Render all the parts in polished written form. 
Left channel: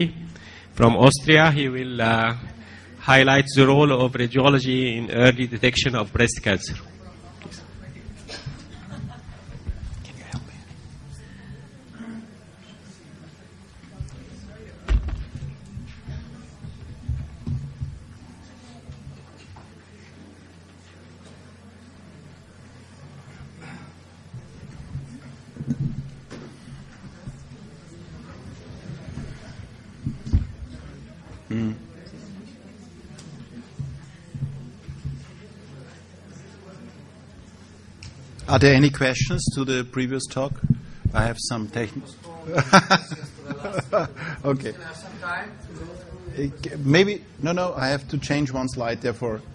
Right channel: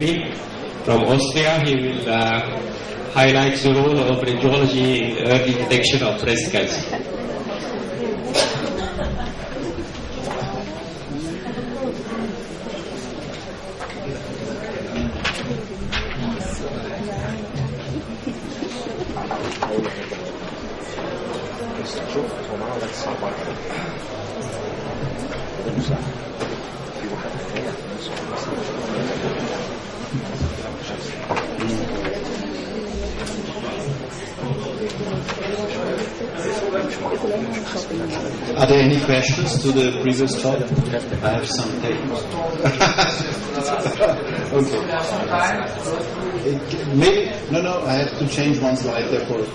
From Austria, he will highlight the role of technology in early detection of breast cancer. Are there any questions to the previous talk? I have some papers. Okay. Maybe? No, I had to change one slide, therefore.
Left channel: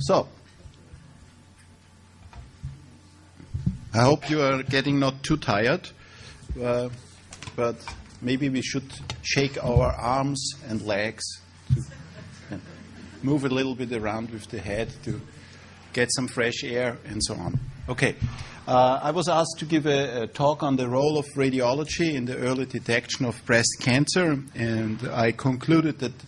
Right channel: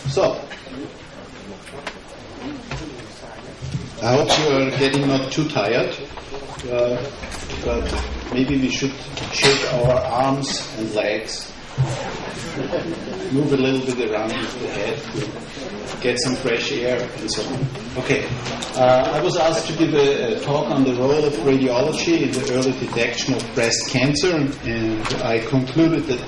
So, I hope you're getting not too tired, but maybe we should shake our arms and legs, move a little bit around to the head to get some fresh air and so on. Okay, I was asked to give a talk on the role of radiology in the early detection of breast cancer, and I concluded that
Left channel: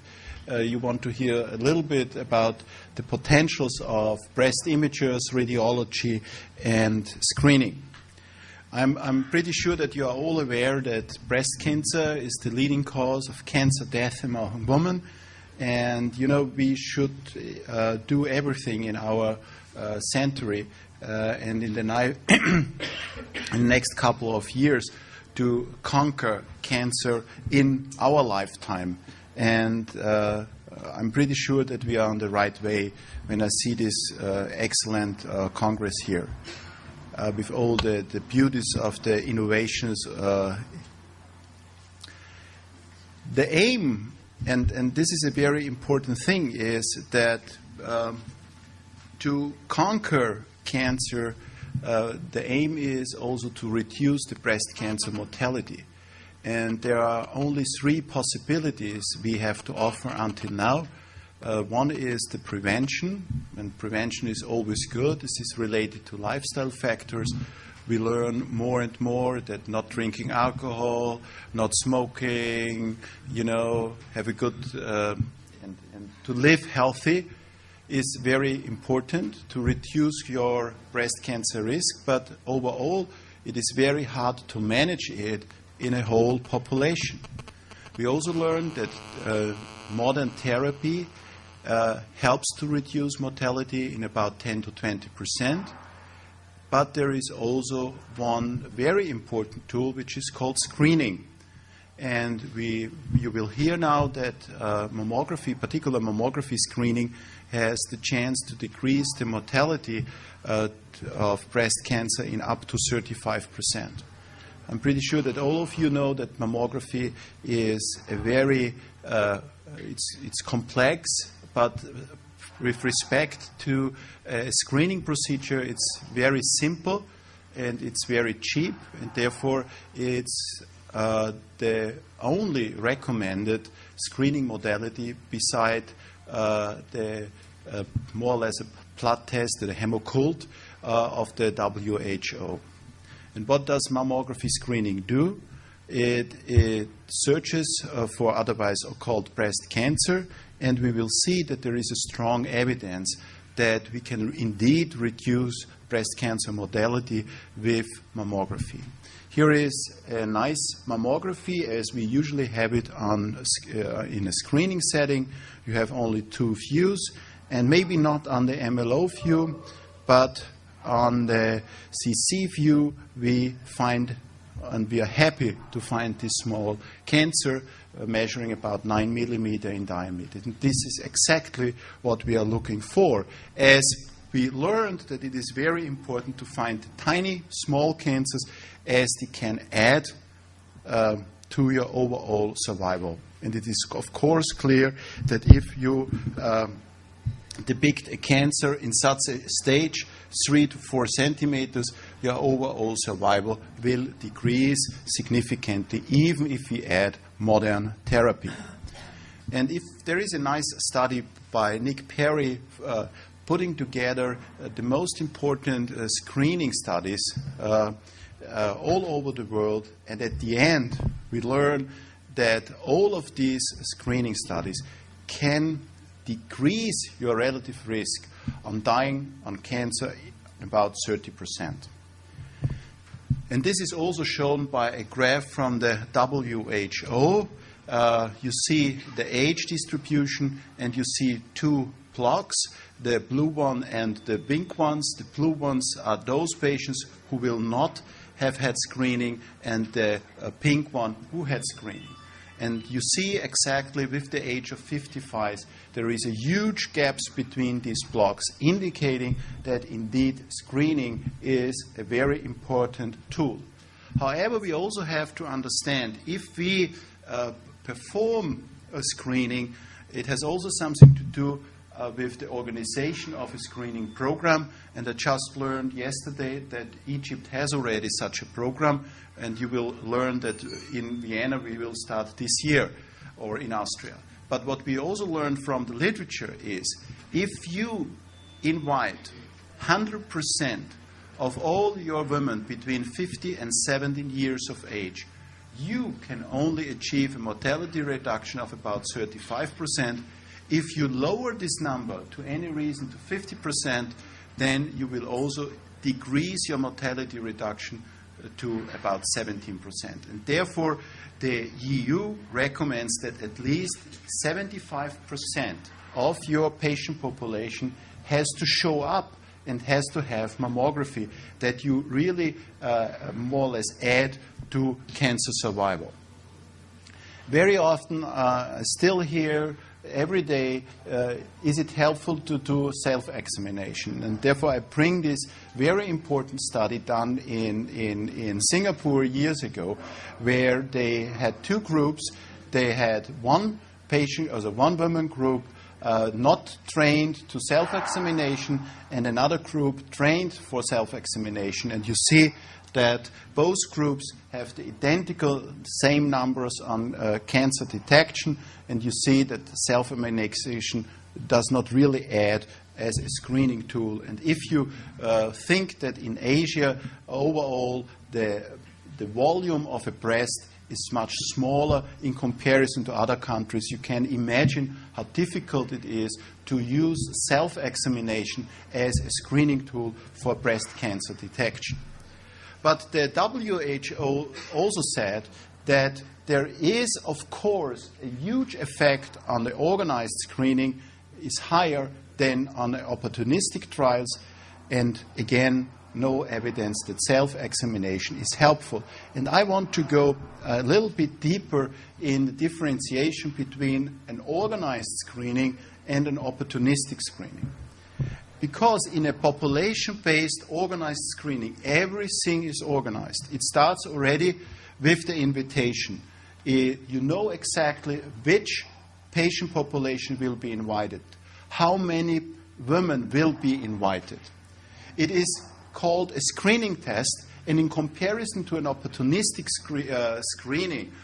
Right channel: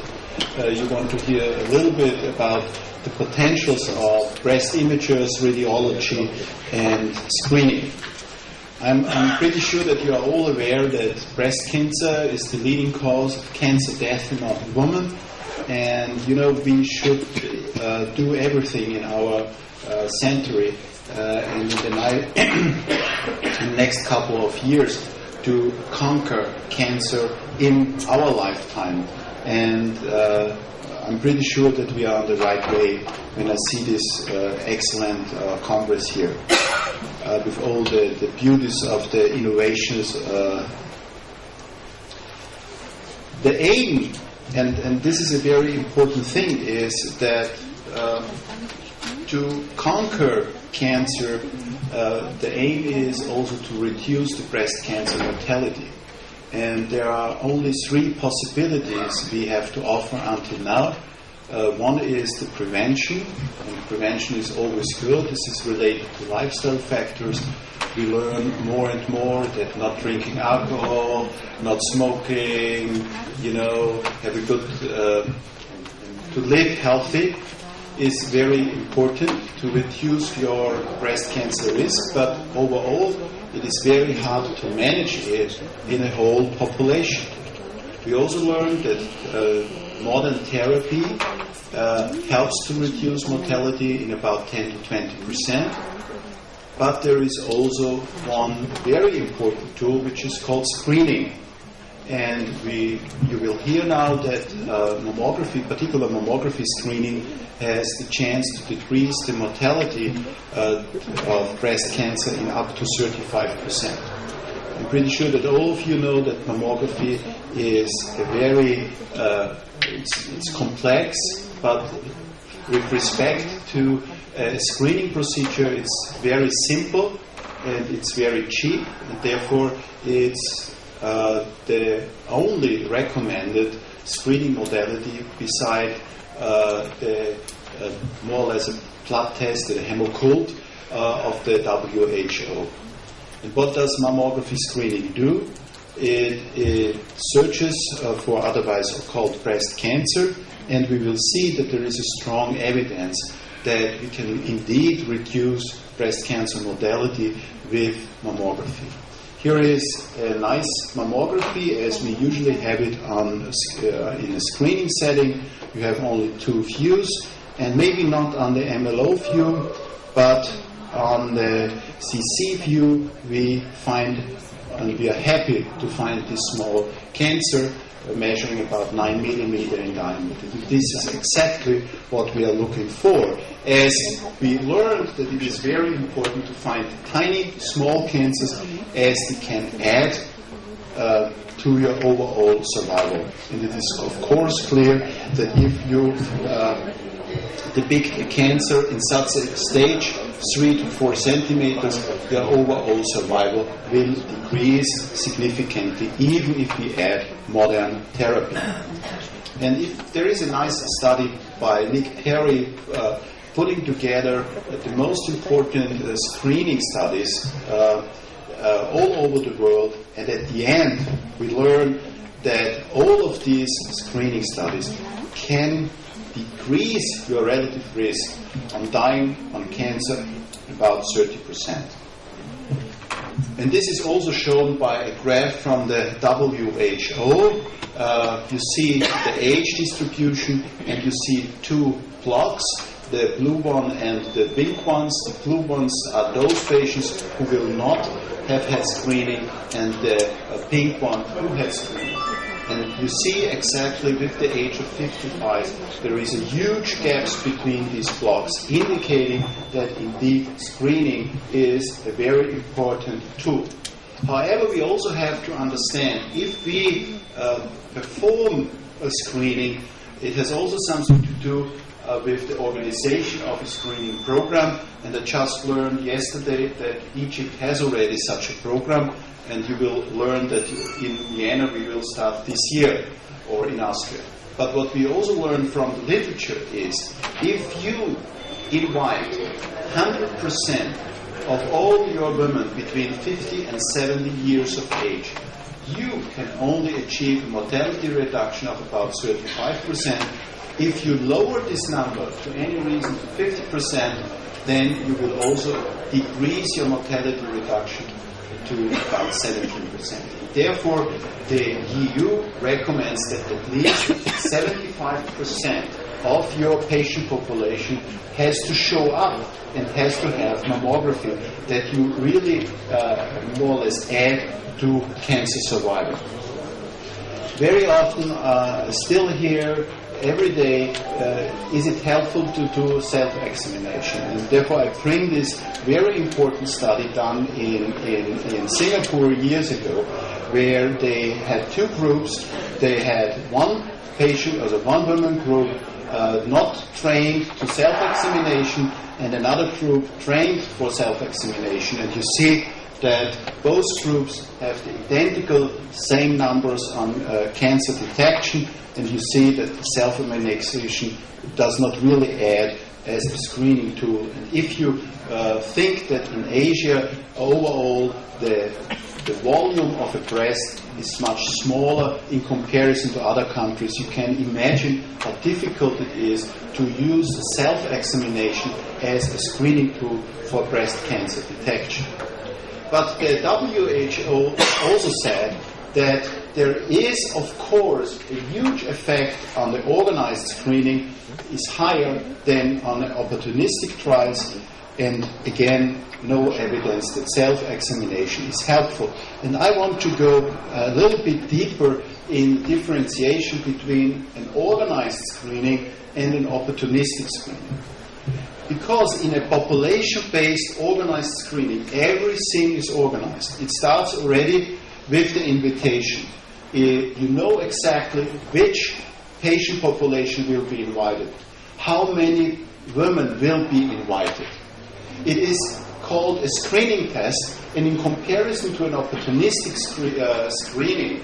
you want to hear a little bit about the potentials of breast imagers, radiology, and screening. I'm pretty sure that you are all aware that breast cancer is the leading cause of cancer death in women, and we should do everything in our century and in the next couple of years to conquer cancer in our lifetime. And I'm pretty sure that you are on the right way when I see this excellent congress here with all the beauties of the innovations. The aim, and this is a very important thing, is that to conquer cancer, the aim is also to reduce the breast cancer mortality. And there are only three possibilities we have to offer until now. One is the prevention, and prevention is always good. This is related to lifestyle factors. We learn more and more that not drinking alcohol, not smoking, have a good, to live healthy is very important to reduce your breast cancer risk, but overall it is very hard to manage it in a whole population. We also learned that modern therapy helps to reduce mortality in about 10 to 20%, but there is also one very important tool which is called screening. And you will hear now that mammography, particular mammography screening, has the chance to decrease the mortality of breast cancer in up to 35%. I'm pretty sure that all of you know that mammography is a very it's complex, but with respect to a screening procedure, it's very simple and it's very cheap, and therefore is the only recommended screening modality beside the more or less a blood test, the hemocold of the WHO. And what does mammography screening do? It searches for otherwise called breast cancer, and we will see that there is a strong evidence that you can indeed reduce breast cancer mortality with mammography. Here is a nice mammography as we usually have it in a screening setting. You have only two views, and maybe not on the MLO view, but on the CC view we find, and we are happy to find this small cancer measuring about 9 millimeters in diameter. This is exactly what we are looking for, as we learned that it is very important to find tiny, small cancers as they can add to your overall survival. And it is of course clear that if you the big cancer in such a stage, 3 to 4 centimeters, your overall survival will increase significantly, even if we add modern therapy. And there is a nice study by Nick Perry putting together the most important screening studies all over the world, and at the end we learn that all of these screening studies can decrease your relative risk on dying on cancer about 30%. And this is also shown by a graph from the WHO. You see the age distribution, and you see two plots, the blue one and the big ones. The blue ones are those patients who will not have had screening, and the pink one who has screening. And you see exactly with the age of 55, there is a huge gap between these plots, indicating that indeed screening is a very important tool. However, we also have to understand, if we perform a screening, it has also something to do with the organization of the screening program. And I just learned yesterday that Egypt has already such a program, and you will learn that in Vienna we will start this year, or in Austria. But what we also learn from literature is, if you invite 100% of all your women between 50 and 70 years of age, you can only achieve mortality reduction of about 35%. If you lower this number to any reason 50%, then you will also decrease your mortality reduction to about 70%. Therefore, the EU recommends that at least 75% of your patient population has to show up and has to have mammography that you really more or less add to cancer survival. Very often, still here, every day, is it helpful to do self-examination? And therefore, I bring this very important study done in Singapore years ago, where they had two groups. They had one patient, or one woman group, not trained to self-examination, and another group trained for self-examination. And you see that both groups have identical same numbers on cancer detection, and you see that self-examination does not really add as a screening tool. If you think that in Asia, overall, the volume of the breast is much smaller in comparison to other countries, you can imagine how difficult it is to use self-examination as a screening tool for breast cancer detection. But the WHO also said that there is, of course, a huge effect on the organized screening. It's higher than on opportunistic trials, and again, no evidence that self-examination is helpful. And I want to go a little bit deeper in differentiation between an organized screening and an opportunistic screening. Because in a population-based organized screening, everything is organized. It starts already with the invitation. You know exactly which patient population will be invited, how many women will be invited. It is called a screening test, and in comparison to an opportunistic screening,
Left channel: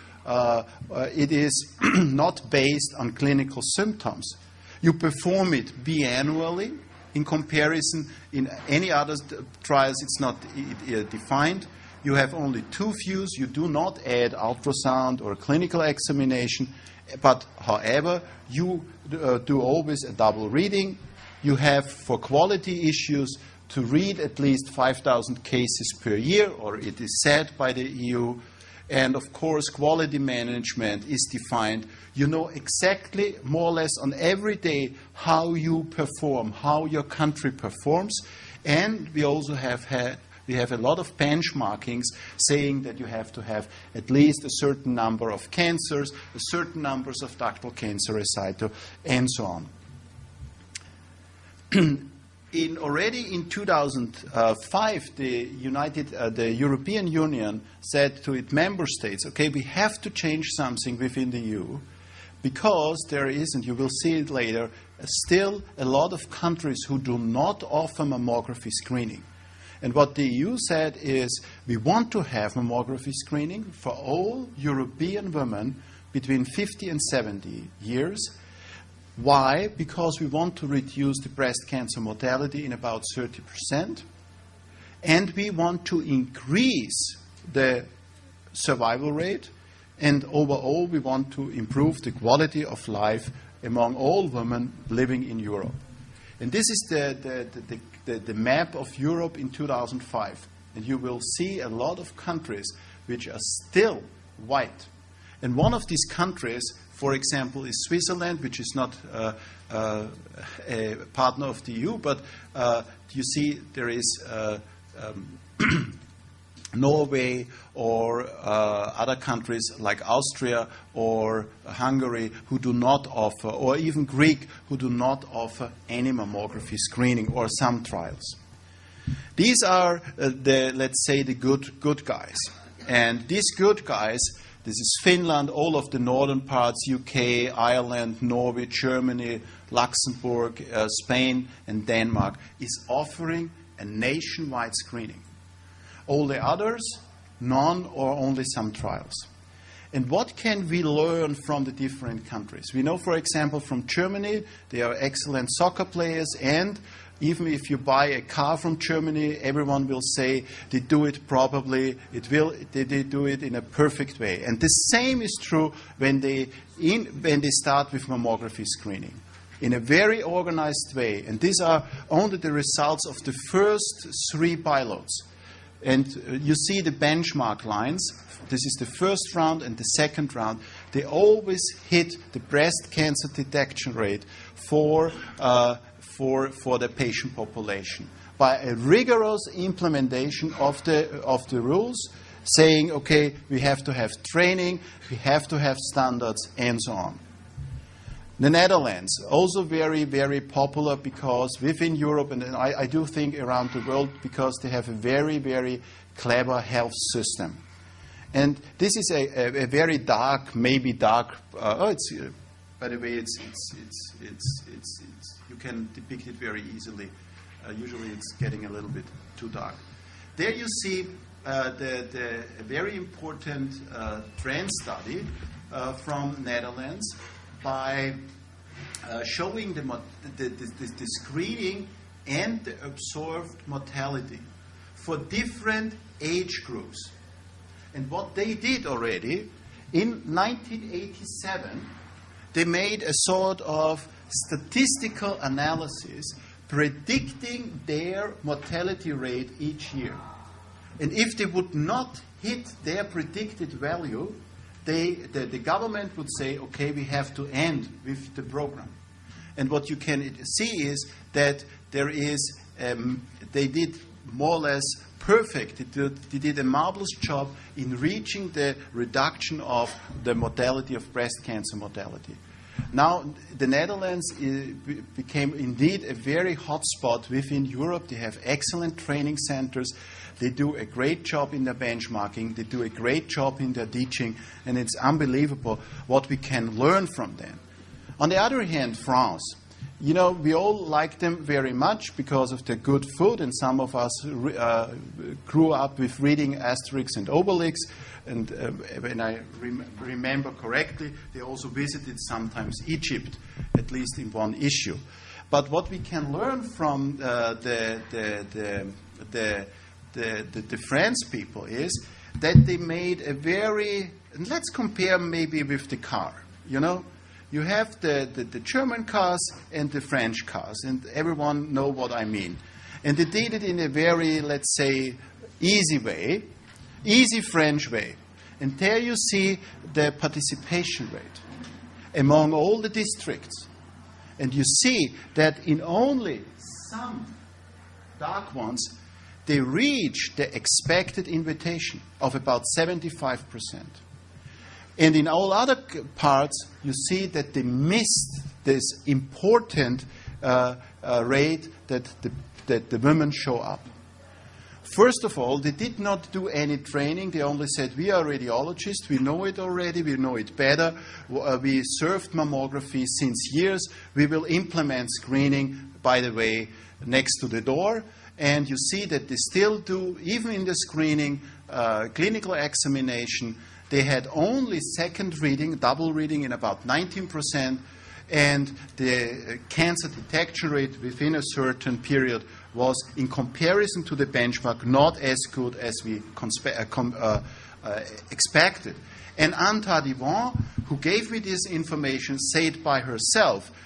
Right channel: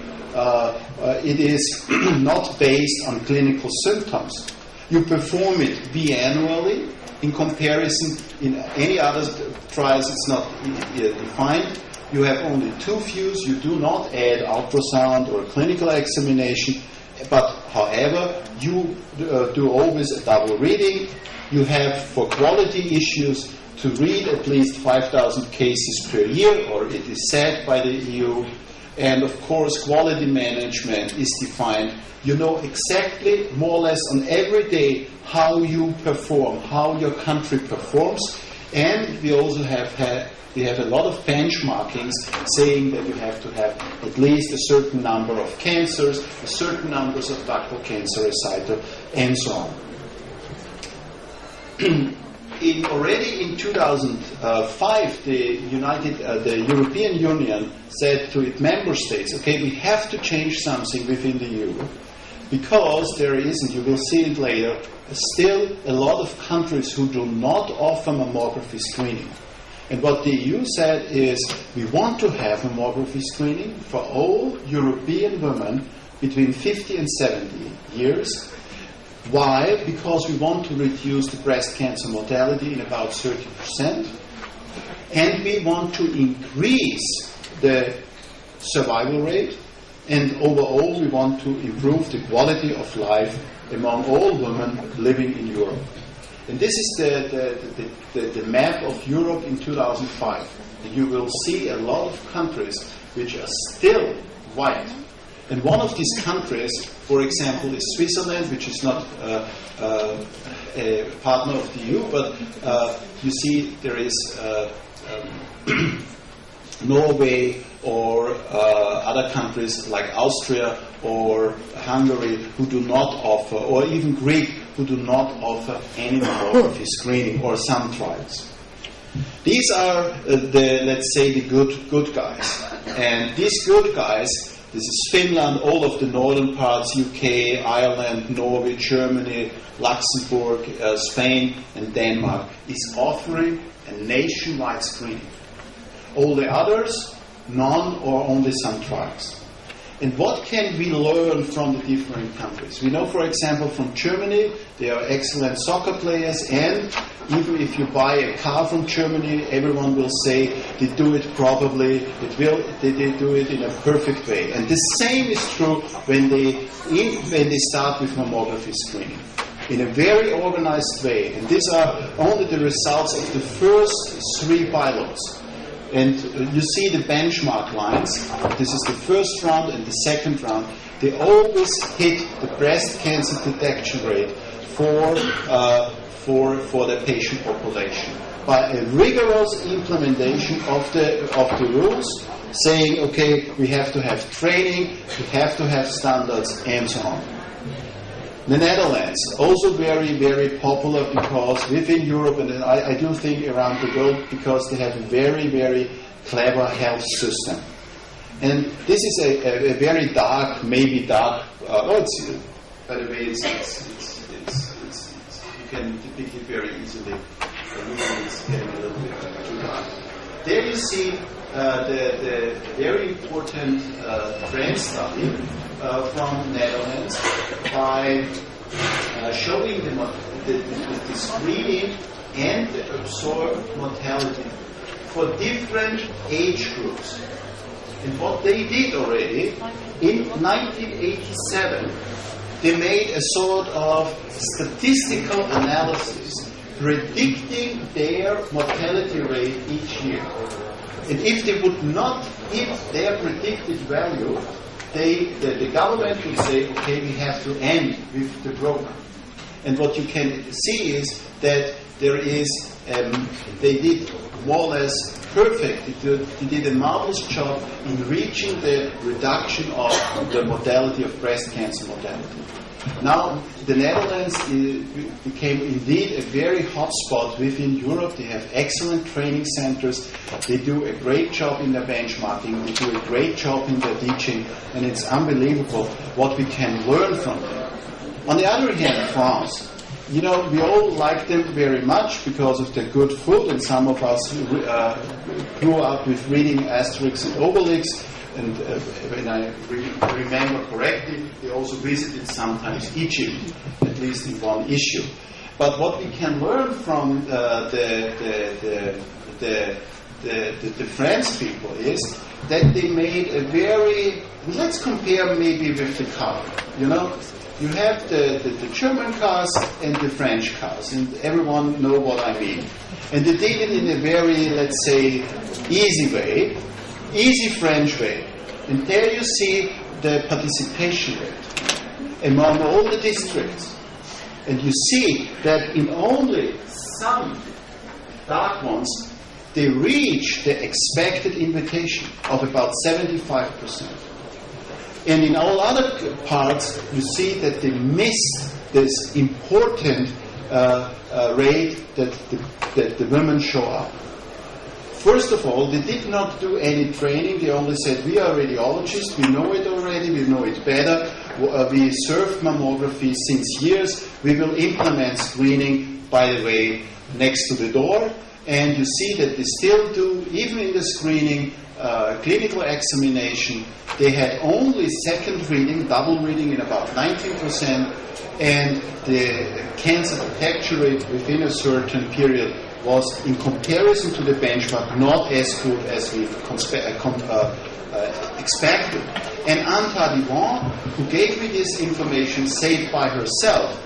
it is not based on clinical symptoms. You perform it biannually. In comparison, in any other trials, it's not defined. You have only two views. You do not add ultrasound or clinical examination. But, however, you do always a double reading. You have, for quality issues, to read at least 5,000 cases per year, or it is said by the EU. And of course, quality management is defined. You know exactly, more or less on every day, how you perform, how your country performs. And we also have a lot of benchmarkings saying that you have to have at least a certain number of cancers, a certain numbers of ductal cancer, etc., and so on. Already in 2005, the European Union said to its member states, okay, we have to change something within the EU, because there is, and you will see it later, still a lot of countries who do not offer mammography screening. And what the EU said is, we want to have mammography screening for all European women between 50 and 70 years. Why? Because we want to reduce breast cancer mortality in about 30%, and we want to increase the survival rate, and overall we want to improve the quality of life among all women living in Europe. And this is the map of Europe in 2005. And you will see a lot of countries which are still white. And one of these countries, for example, is Switzerland, which is not a partner of the EU, but you see there is Norway or other countries like Austria or Hungary who do not offer, or even Greece who do not offer any more of screening or some trials. These are let's say, the good guys. And these good guys, this is Finland, all of the northern parts, UK, Ireland, Norway, Germany, Luxembourg, Spain, and Denmark, is offering a nationwide screening. All the others, none or only some trials. And what can we learn from the different countries? We know, for example, from Germany, they are excellent soccer players, and even if you buy a car from Germany, everyone will say they do it properly, they do it in a perfect way. And the same is true when they start with mammography screening. In a very organized way. And these are only the results of the first 3 pilots. And you see the benchmark lines. This is the first round and the second round. They always hit the breast cancer detection rate for the patient population by a rigorous implementation of the rules, saying, okay, we have to have training, we have to have standards, and so on. The Netherlands, also very, very popular because within Europe, and I do think around the world, because they have a very, very clever health system. And this is a very dark, maybe dark, by the way, you can very easily. There you see the very important trend study from the Netherlands by showing the screening and the observed mortality for different age groups. And what they did already, in 1987, they made a sort of statistical analysis predicting their mortality rate each year. And if they would not hit their predicted value, the government would say, okay, we have to end with the program. And what you can see is that there is, they did more or less perfect, they did a marvelous job in reaching the reduction of the mortality of breast cancer mortality. Now, the Netherlands became indeed a very hot spot within Europe. They have excellent training centers. They do a great job in the benchmarking. They do a great job in the teaching. And it's unbelievable what we can learn from them. On the other hand, France. You know, we all like them very much because of the good food, and some of us who grew up with reading Asterix and Obelix. And when I remember correctly, we also visited sometimes Egypt, at least in one issue. But what we can learn from the French people is that they made a very, let's compare maybe with the car, you know. You have the German cars and the French cars, and everyone knows what I mean. And they did it in a very, let's say, easy way, easy French way. And there you see the participation rate among all the districts. And you see that in only some dark ones, they reach the expected limitation of about 75%. And in all other parts, you see that they missed this important rate that the women show up. First of all, they did not do any training. They only said, we are radiologists, we know it already, we know it better. We serve mammography since years. We will implement screening, by the way, next to the door. And you see that they still do, even in the screening, clinical examination, they had only second reading, double reading about 90%, and the cancer detection rate within a certain period was, in comparison to the benchmark, not as good as we expected. And Anta Limon, who gave me this information, said by herself,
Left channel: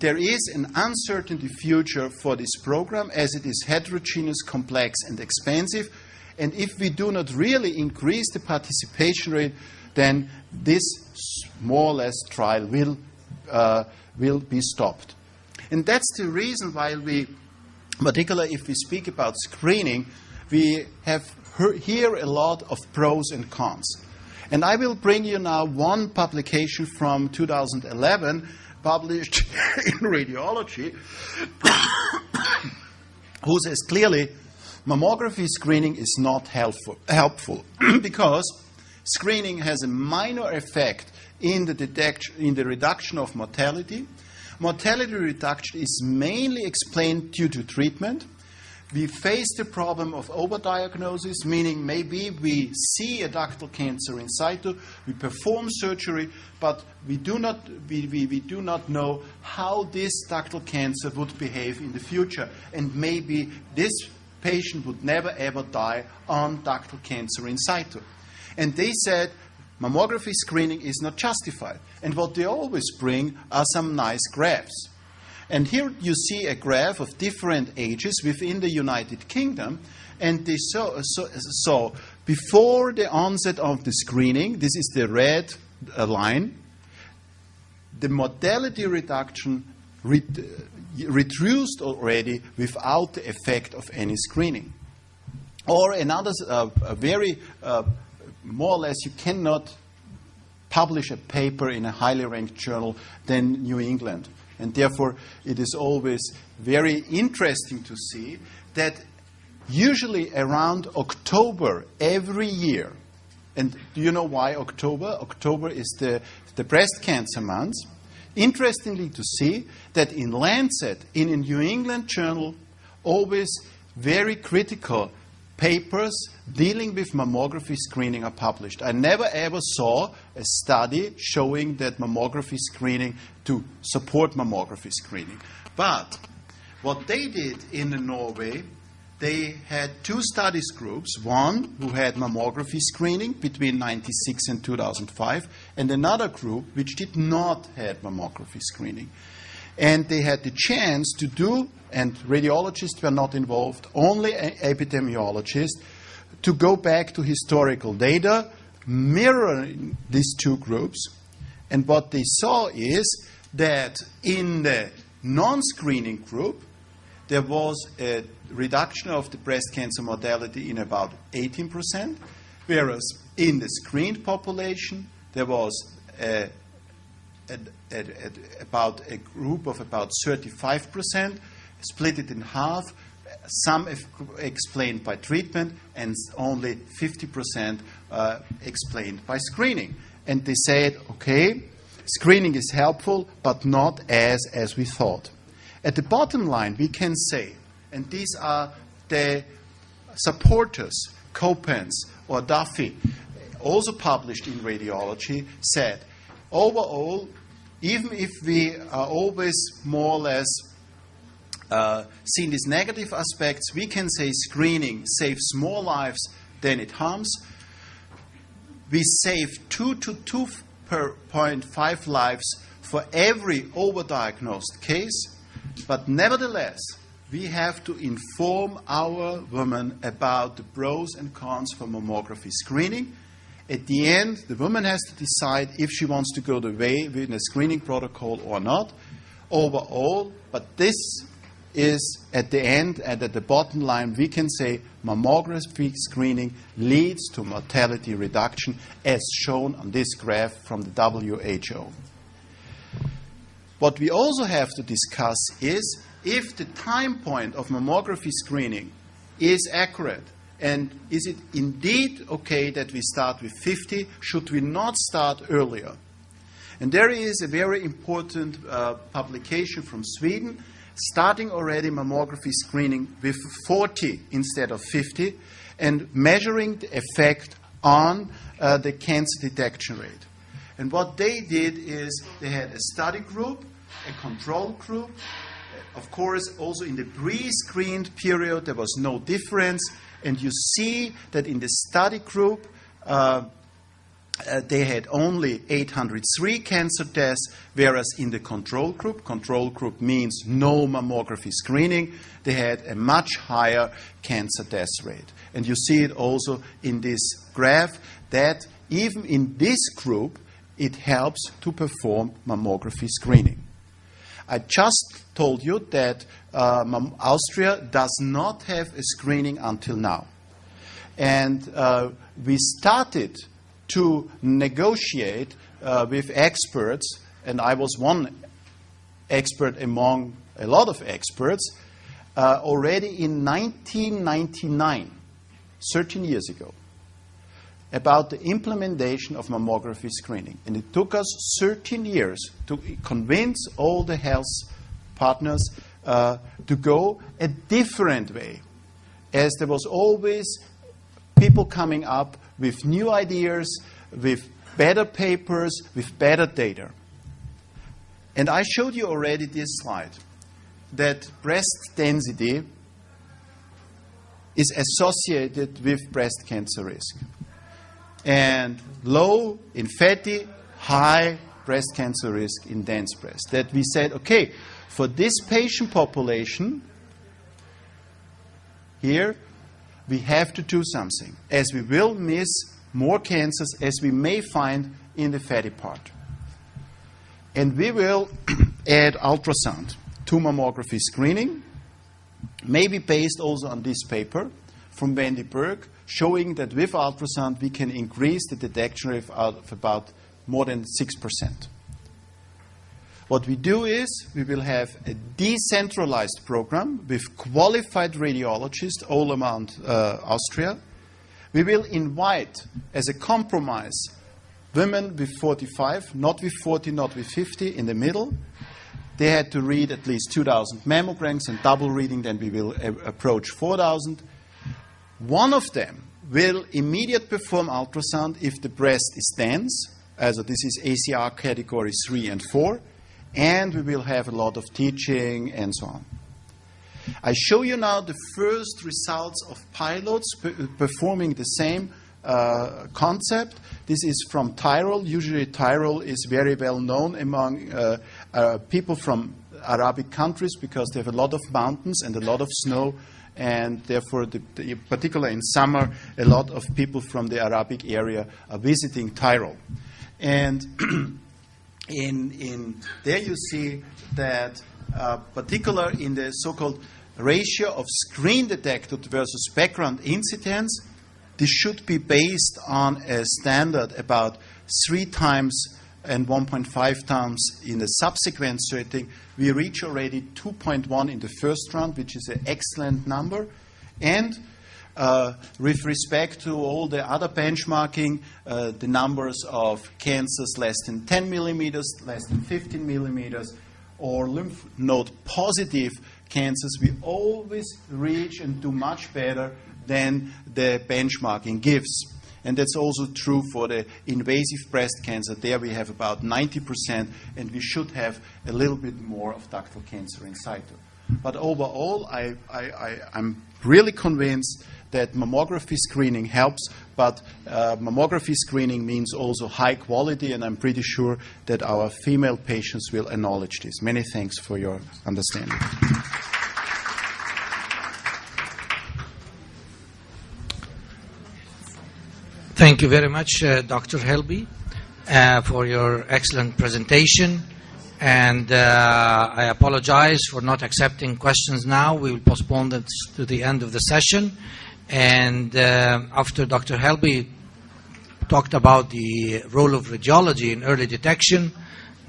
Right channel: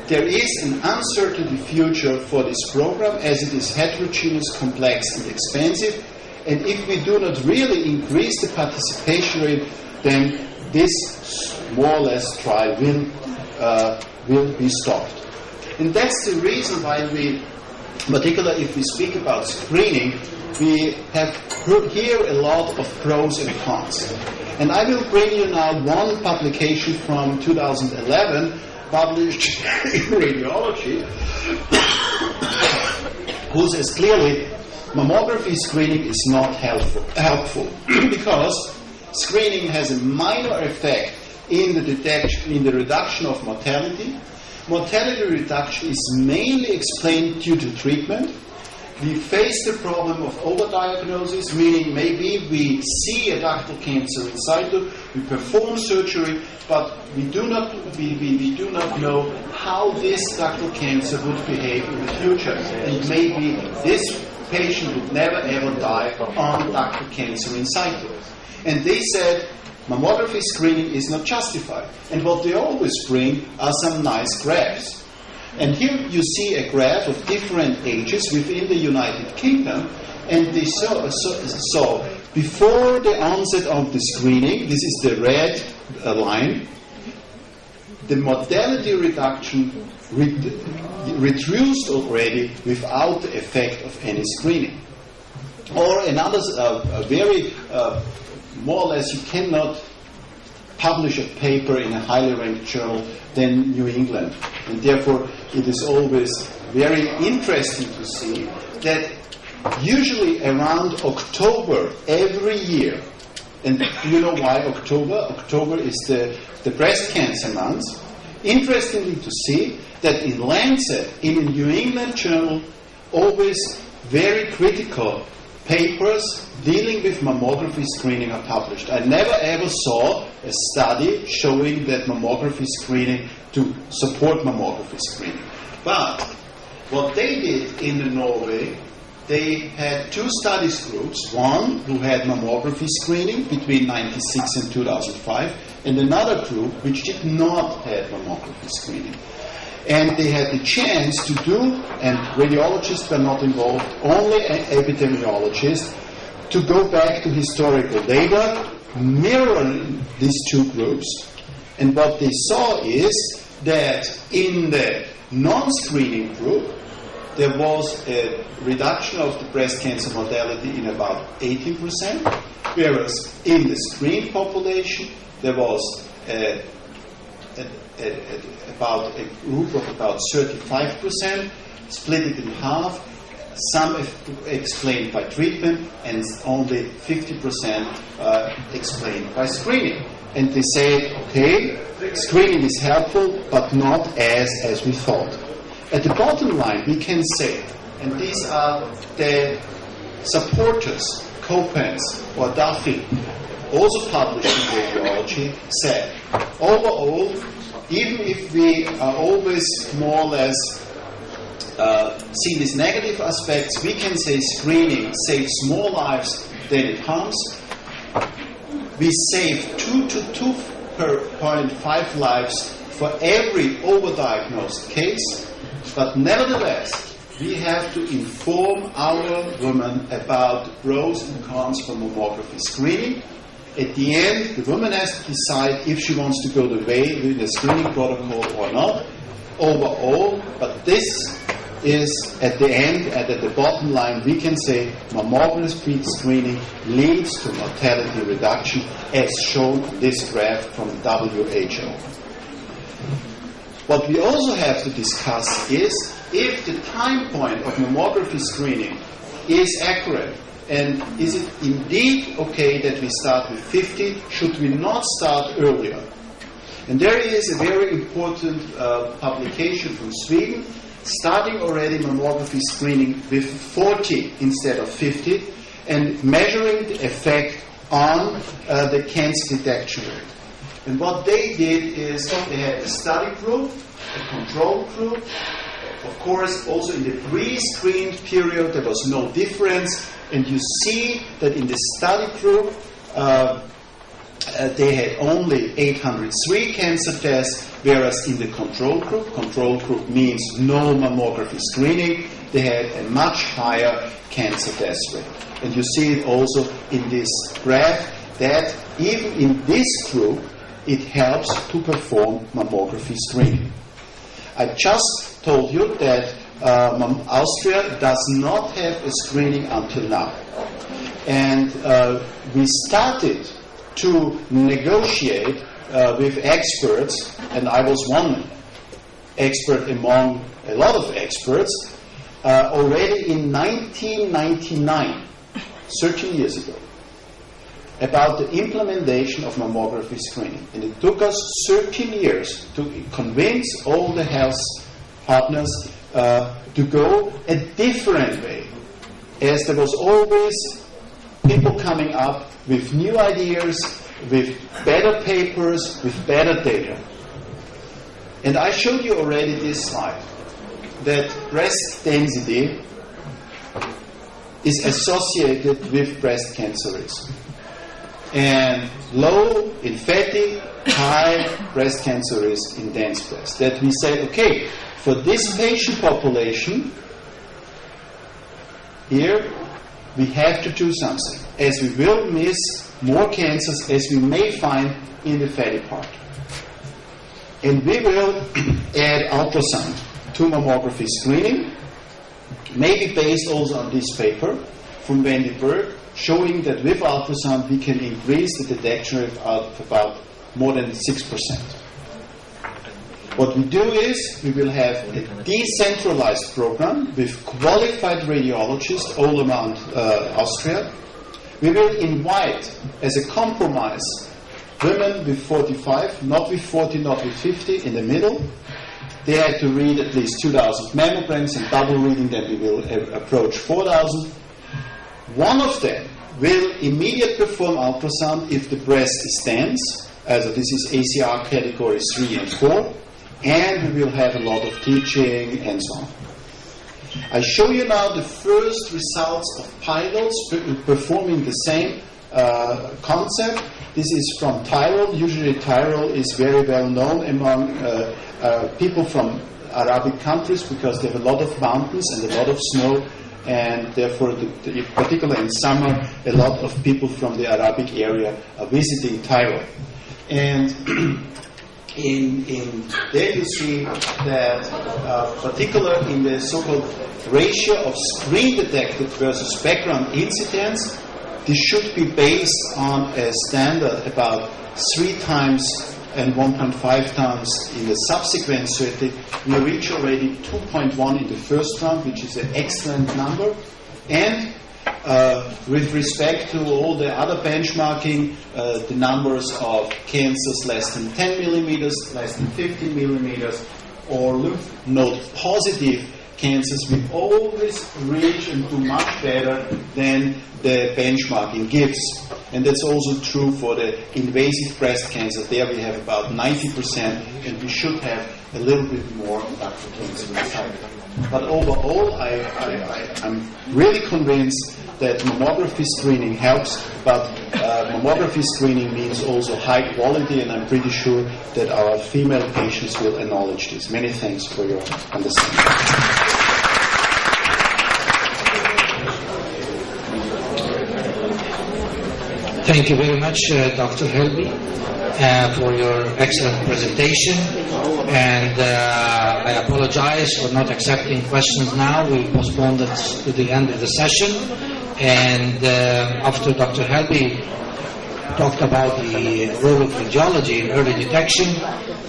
there is an uncertain future for this program as it is heterogeneous, complex, and expensive. And if we do not really increase the participation rate, then this more or less trial will be stopped. And that's the reason why we, particularly if we speak about screening, we have heard here a lot of pros and cons. And I will bring you now one publication from 2011, published in Radiology, who says clearly mammography screening is not helpful because screening has a minor effect in the detection, in the reduction of mortality. Mortality reduction is mainly explained due to treatment. We face the problem of overdiagnosis, meaning maybe we see a ductal cancer residual, we perform surgery, but we do not know how this ductal cancer would behave in the future. And maybe this patient would never ever die on ductal cancer residual. And they said mammography screening is not justified. And what they always screen are some nice graphs. And here you see a graph of different ages within the United Kingdom, and they saw before the onset of the screening, this is the red line, the mortality reduction reduced already without the effect of any screening. Or another very, more or less, you cannot publish a paper in a higher ranked journal than New England. And therefore, it is always very interesting to see that usually around October every year, and you know why October? October is the breast cancer month. Interestingly to see that in Lancet, in the New England journal, always very critical papers dealing with mammography screening are published. I never ever saw a study showing that mammography screening to support mammography screening. But what they did in Norway, they had two studies groups, one who had mammography screening between 1996 and 2005, and another group which did not have mammography screening. And they had the chance to do, and radiologists are not involved, only an epidemiologist, to go back to historical data, mirroring these two groups. And what they saw is that in the non-screening group, there was a reduction of breast cancer mortality in about 80%, whereas in the screening population, there was about a group of about 35%, split in half, some explained by treatment, and only 50% explained by screening. And they say, okay, screening is helpful, but not as we thought. At the bottom line, we can say, and these are the supporters, Copens or Duffy, also published in Radiology, said, overall, even if we are always more or less see these negative aspects, we can say screening saves more lives than it harms. We save 2 to 2.5 lives for every overdiagnosed case, but nevertheless, we have to inform our women about pros and cons of mammography screening. At the end, the woman has to decide if she wants to go the way with the screening protocol or not, overall, but this is at the end, at the bottom line, we can say mammography screening leads to mortality reduction as shown in this graph from WHO. What we also have to discuss is if the time point of mammography screening is accurate, and is it indeed okay that we start with 50? Should we not start earlier? And there is a very important publication from Sweden, starting already mammography screening with 40 instead of 50, and measuring the effect on the cancer detection rate. And what they did is they had a study group, a control group. Of course, also in the pre-screen period, there was no difference. And you see that in the study group, they had only 803 cancer tests, whereas in the control group means no mammography screening, they had a much higher cancer test rate. And you see it also in this graph that even in this group, it helps to perform mammography screening. I just told you that Austria does not have a screening until now. And we started to negotiate with experts, and I was one expert among a lot of experts, already in 1999, 13 years ago, about the implementation of mammography screening. And it took us 13 years to convince all the health partners to go a different way, as there was always people coming up with new ideas, with better papers, with better data. And I showed you already this slide, that breast density is associated with breast cancer risk. And low in fatty, high breast cancer risk in dense breast. That we said, okay, for this patient population, here we have to do something, as we will miss more cancers as we may find in the fatty part. And we will add ultrasound to mammography screening, maybe based also on this paper from Vandenberg, showing that with ultrasound we can increase the detection rate of about more than 6%. What we do is we will have a decentralized program with qualified radiologists all around Austria. We will invite, as a compromise, women with 45, not with 40, not with 50, in the middle. They have to read at least 2,000 mammograms, and double reading, then we will approach 4,000. One of them will immediately perform ultrasound if the breast stands, as this is ACR categories 3 and 4, and we will have a lot of teaching and so on. I show you now the first results of pilots performing the same concept. This is from Tyrol. Usually Tyrol is very well known among people from Arabic countries because there are a lot of mountains and a lot of snow, and therefore, particularly in summer, a lot of people from the Arabic area are visiting Tyrol. And there you see that, particularly in the so-called ratio of screen detected versus background incidence, this should be based on a standard about 3 times and 1.5 times in the subsequent study. We reached already 2.1 in the first round, which is an excellent number. And with respect to all the other benchmarking, the numbers of cancers less than 10 millimeters, less than 15 millimeters, or lymph node positive cancers, we always reach and do much better than the benchmarking gives. And that's also true for the invasive breast cancer. There we have about 90%, and we should have a little bit more. But overall, I'm really convinced that mammography screening helps, but mammography screening means also high quality, and I'm pretty sure that our female patients will acknowledge this. Many thanks for your understanding. Thank you very much, Dr. Helby, for your excellent presentation. And I apologize for not accepting questions now. We postponed this to the end of the session. And after Dr. Helby talked about the role of radiology, early detection,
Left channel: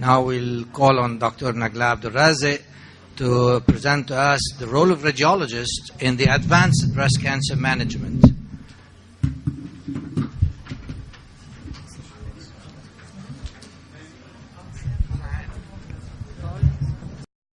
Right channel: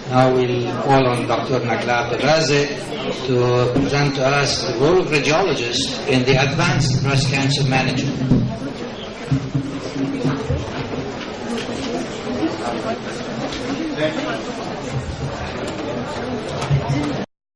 now we'll call on Dr. Magda Raze to present us the role of radiologists in the advanced breast cancer management.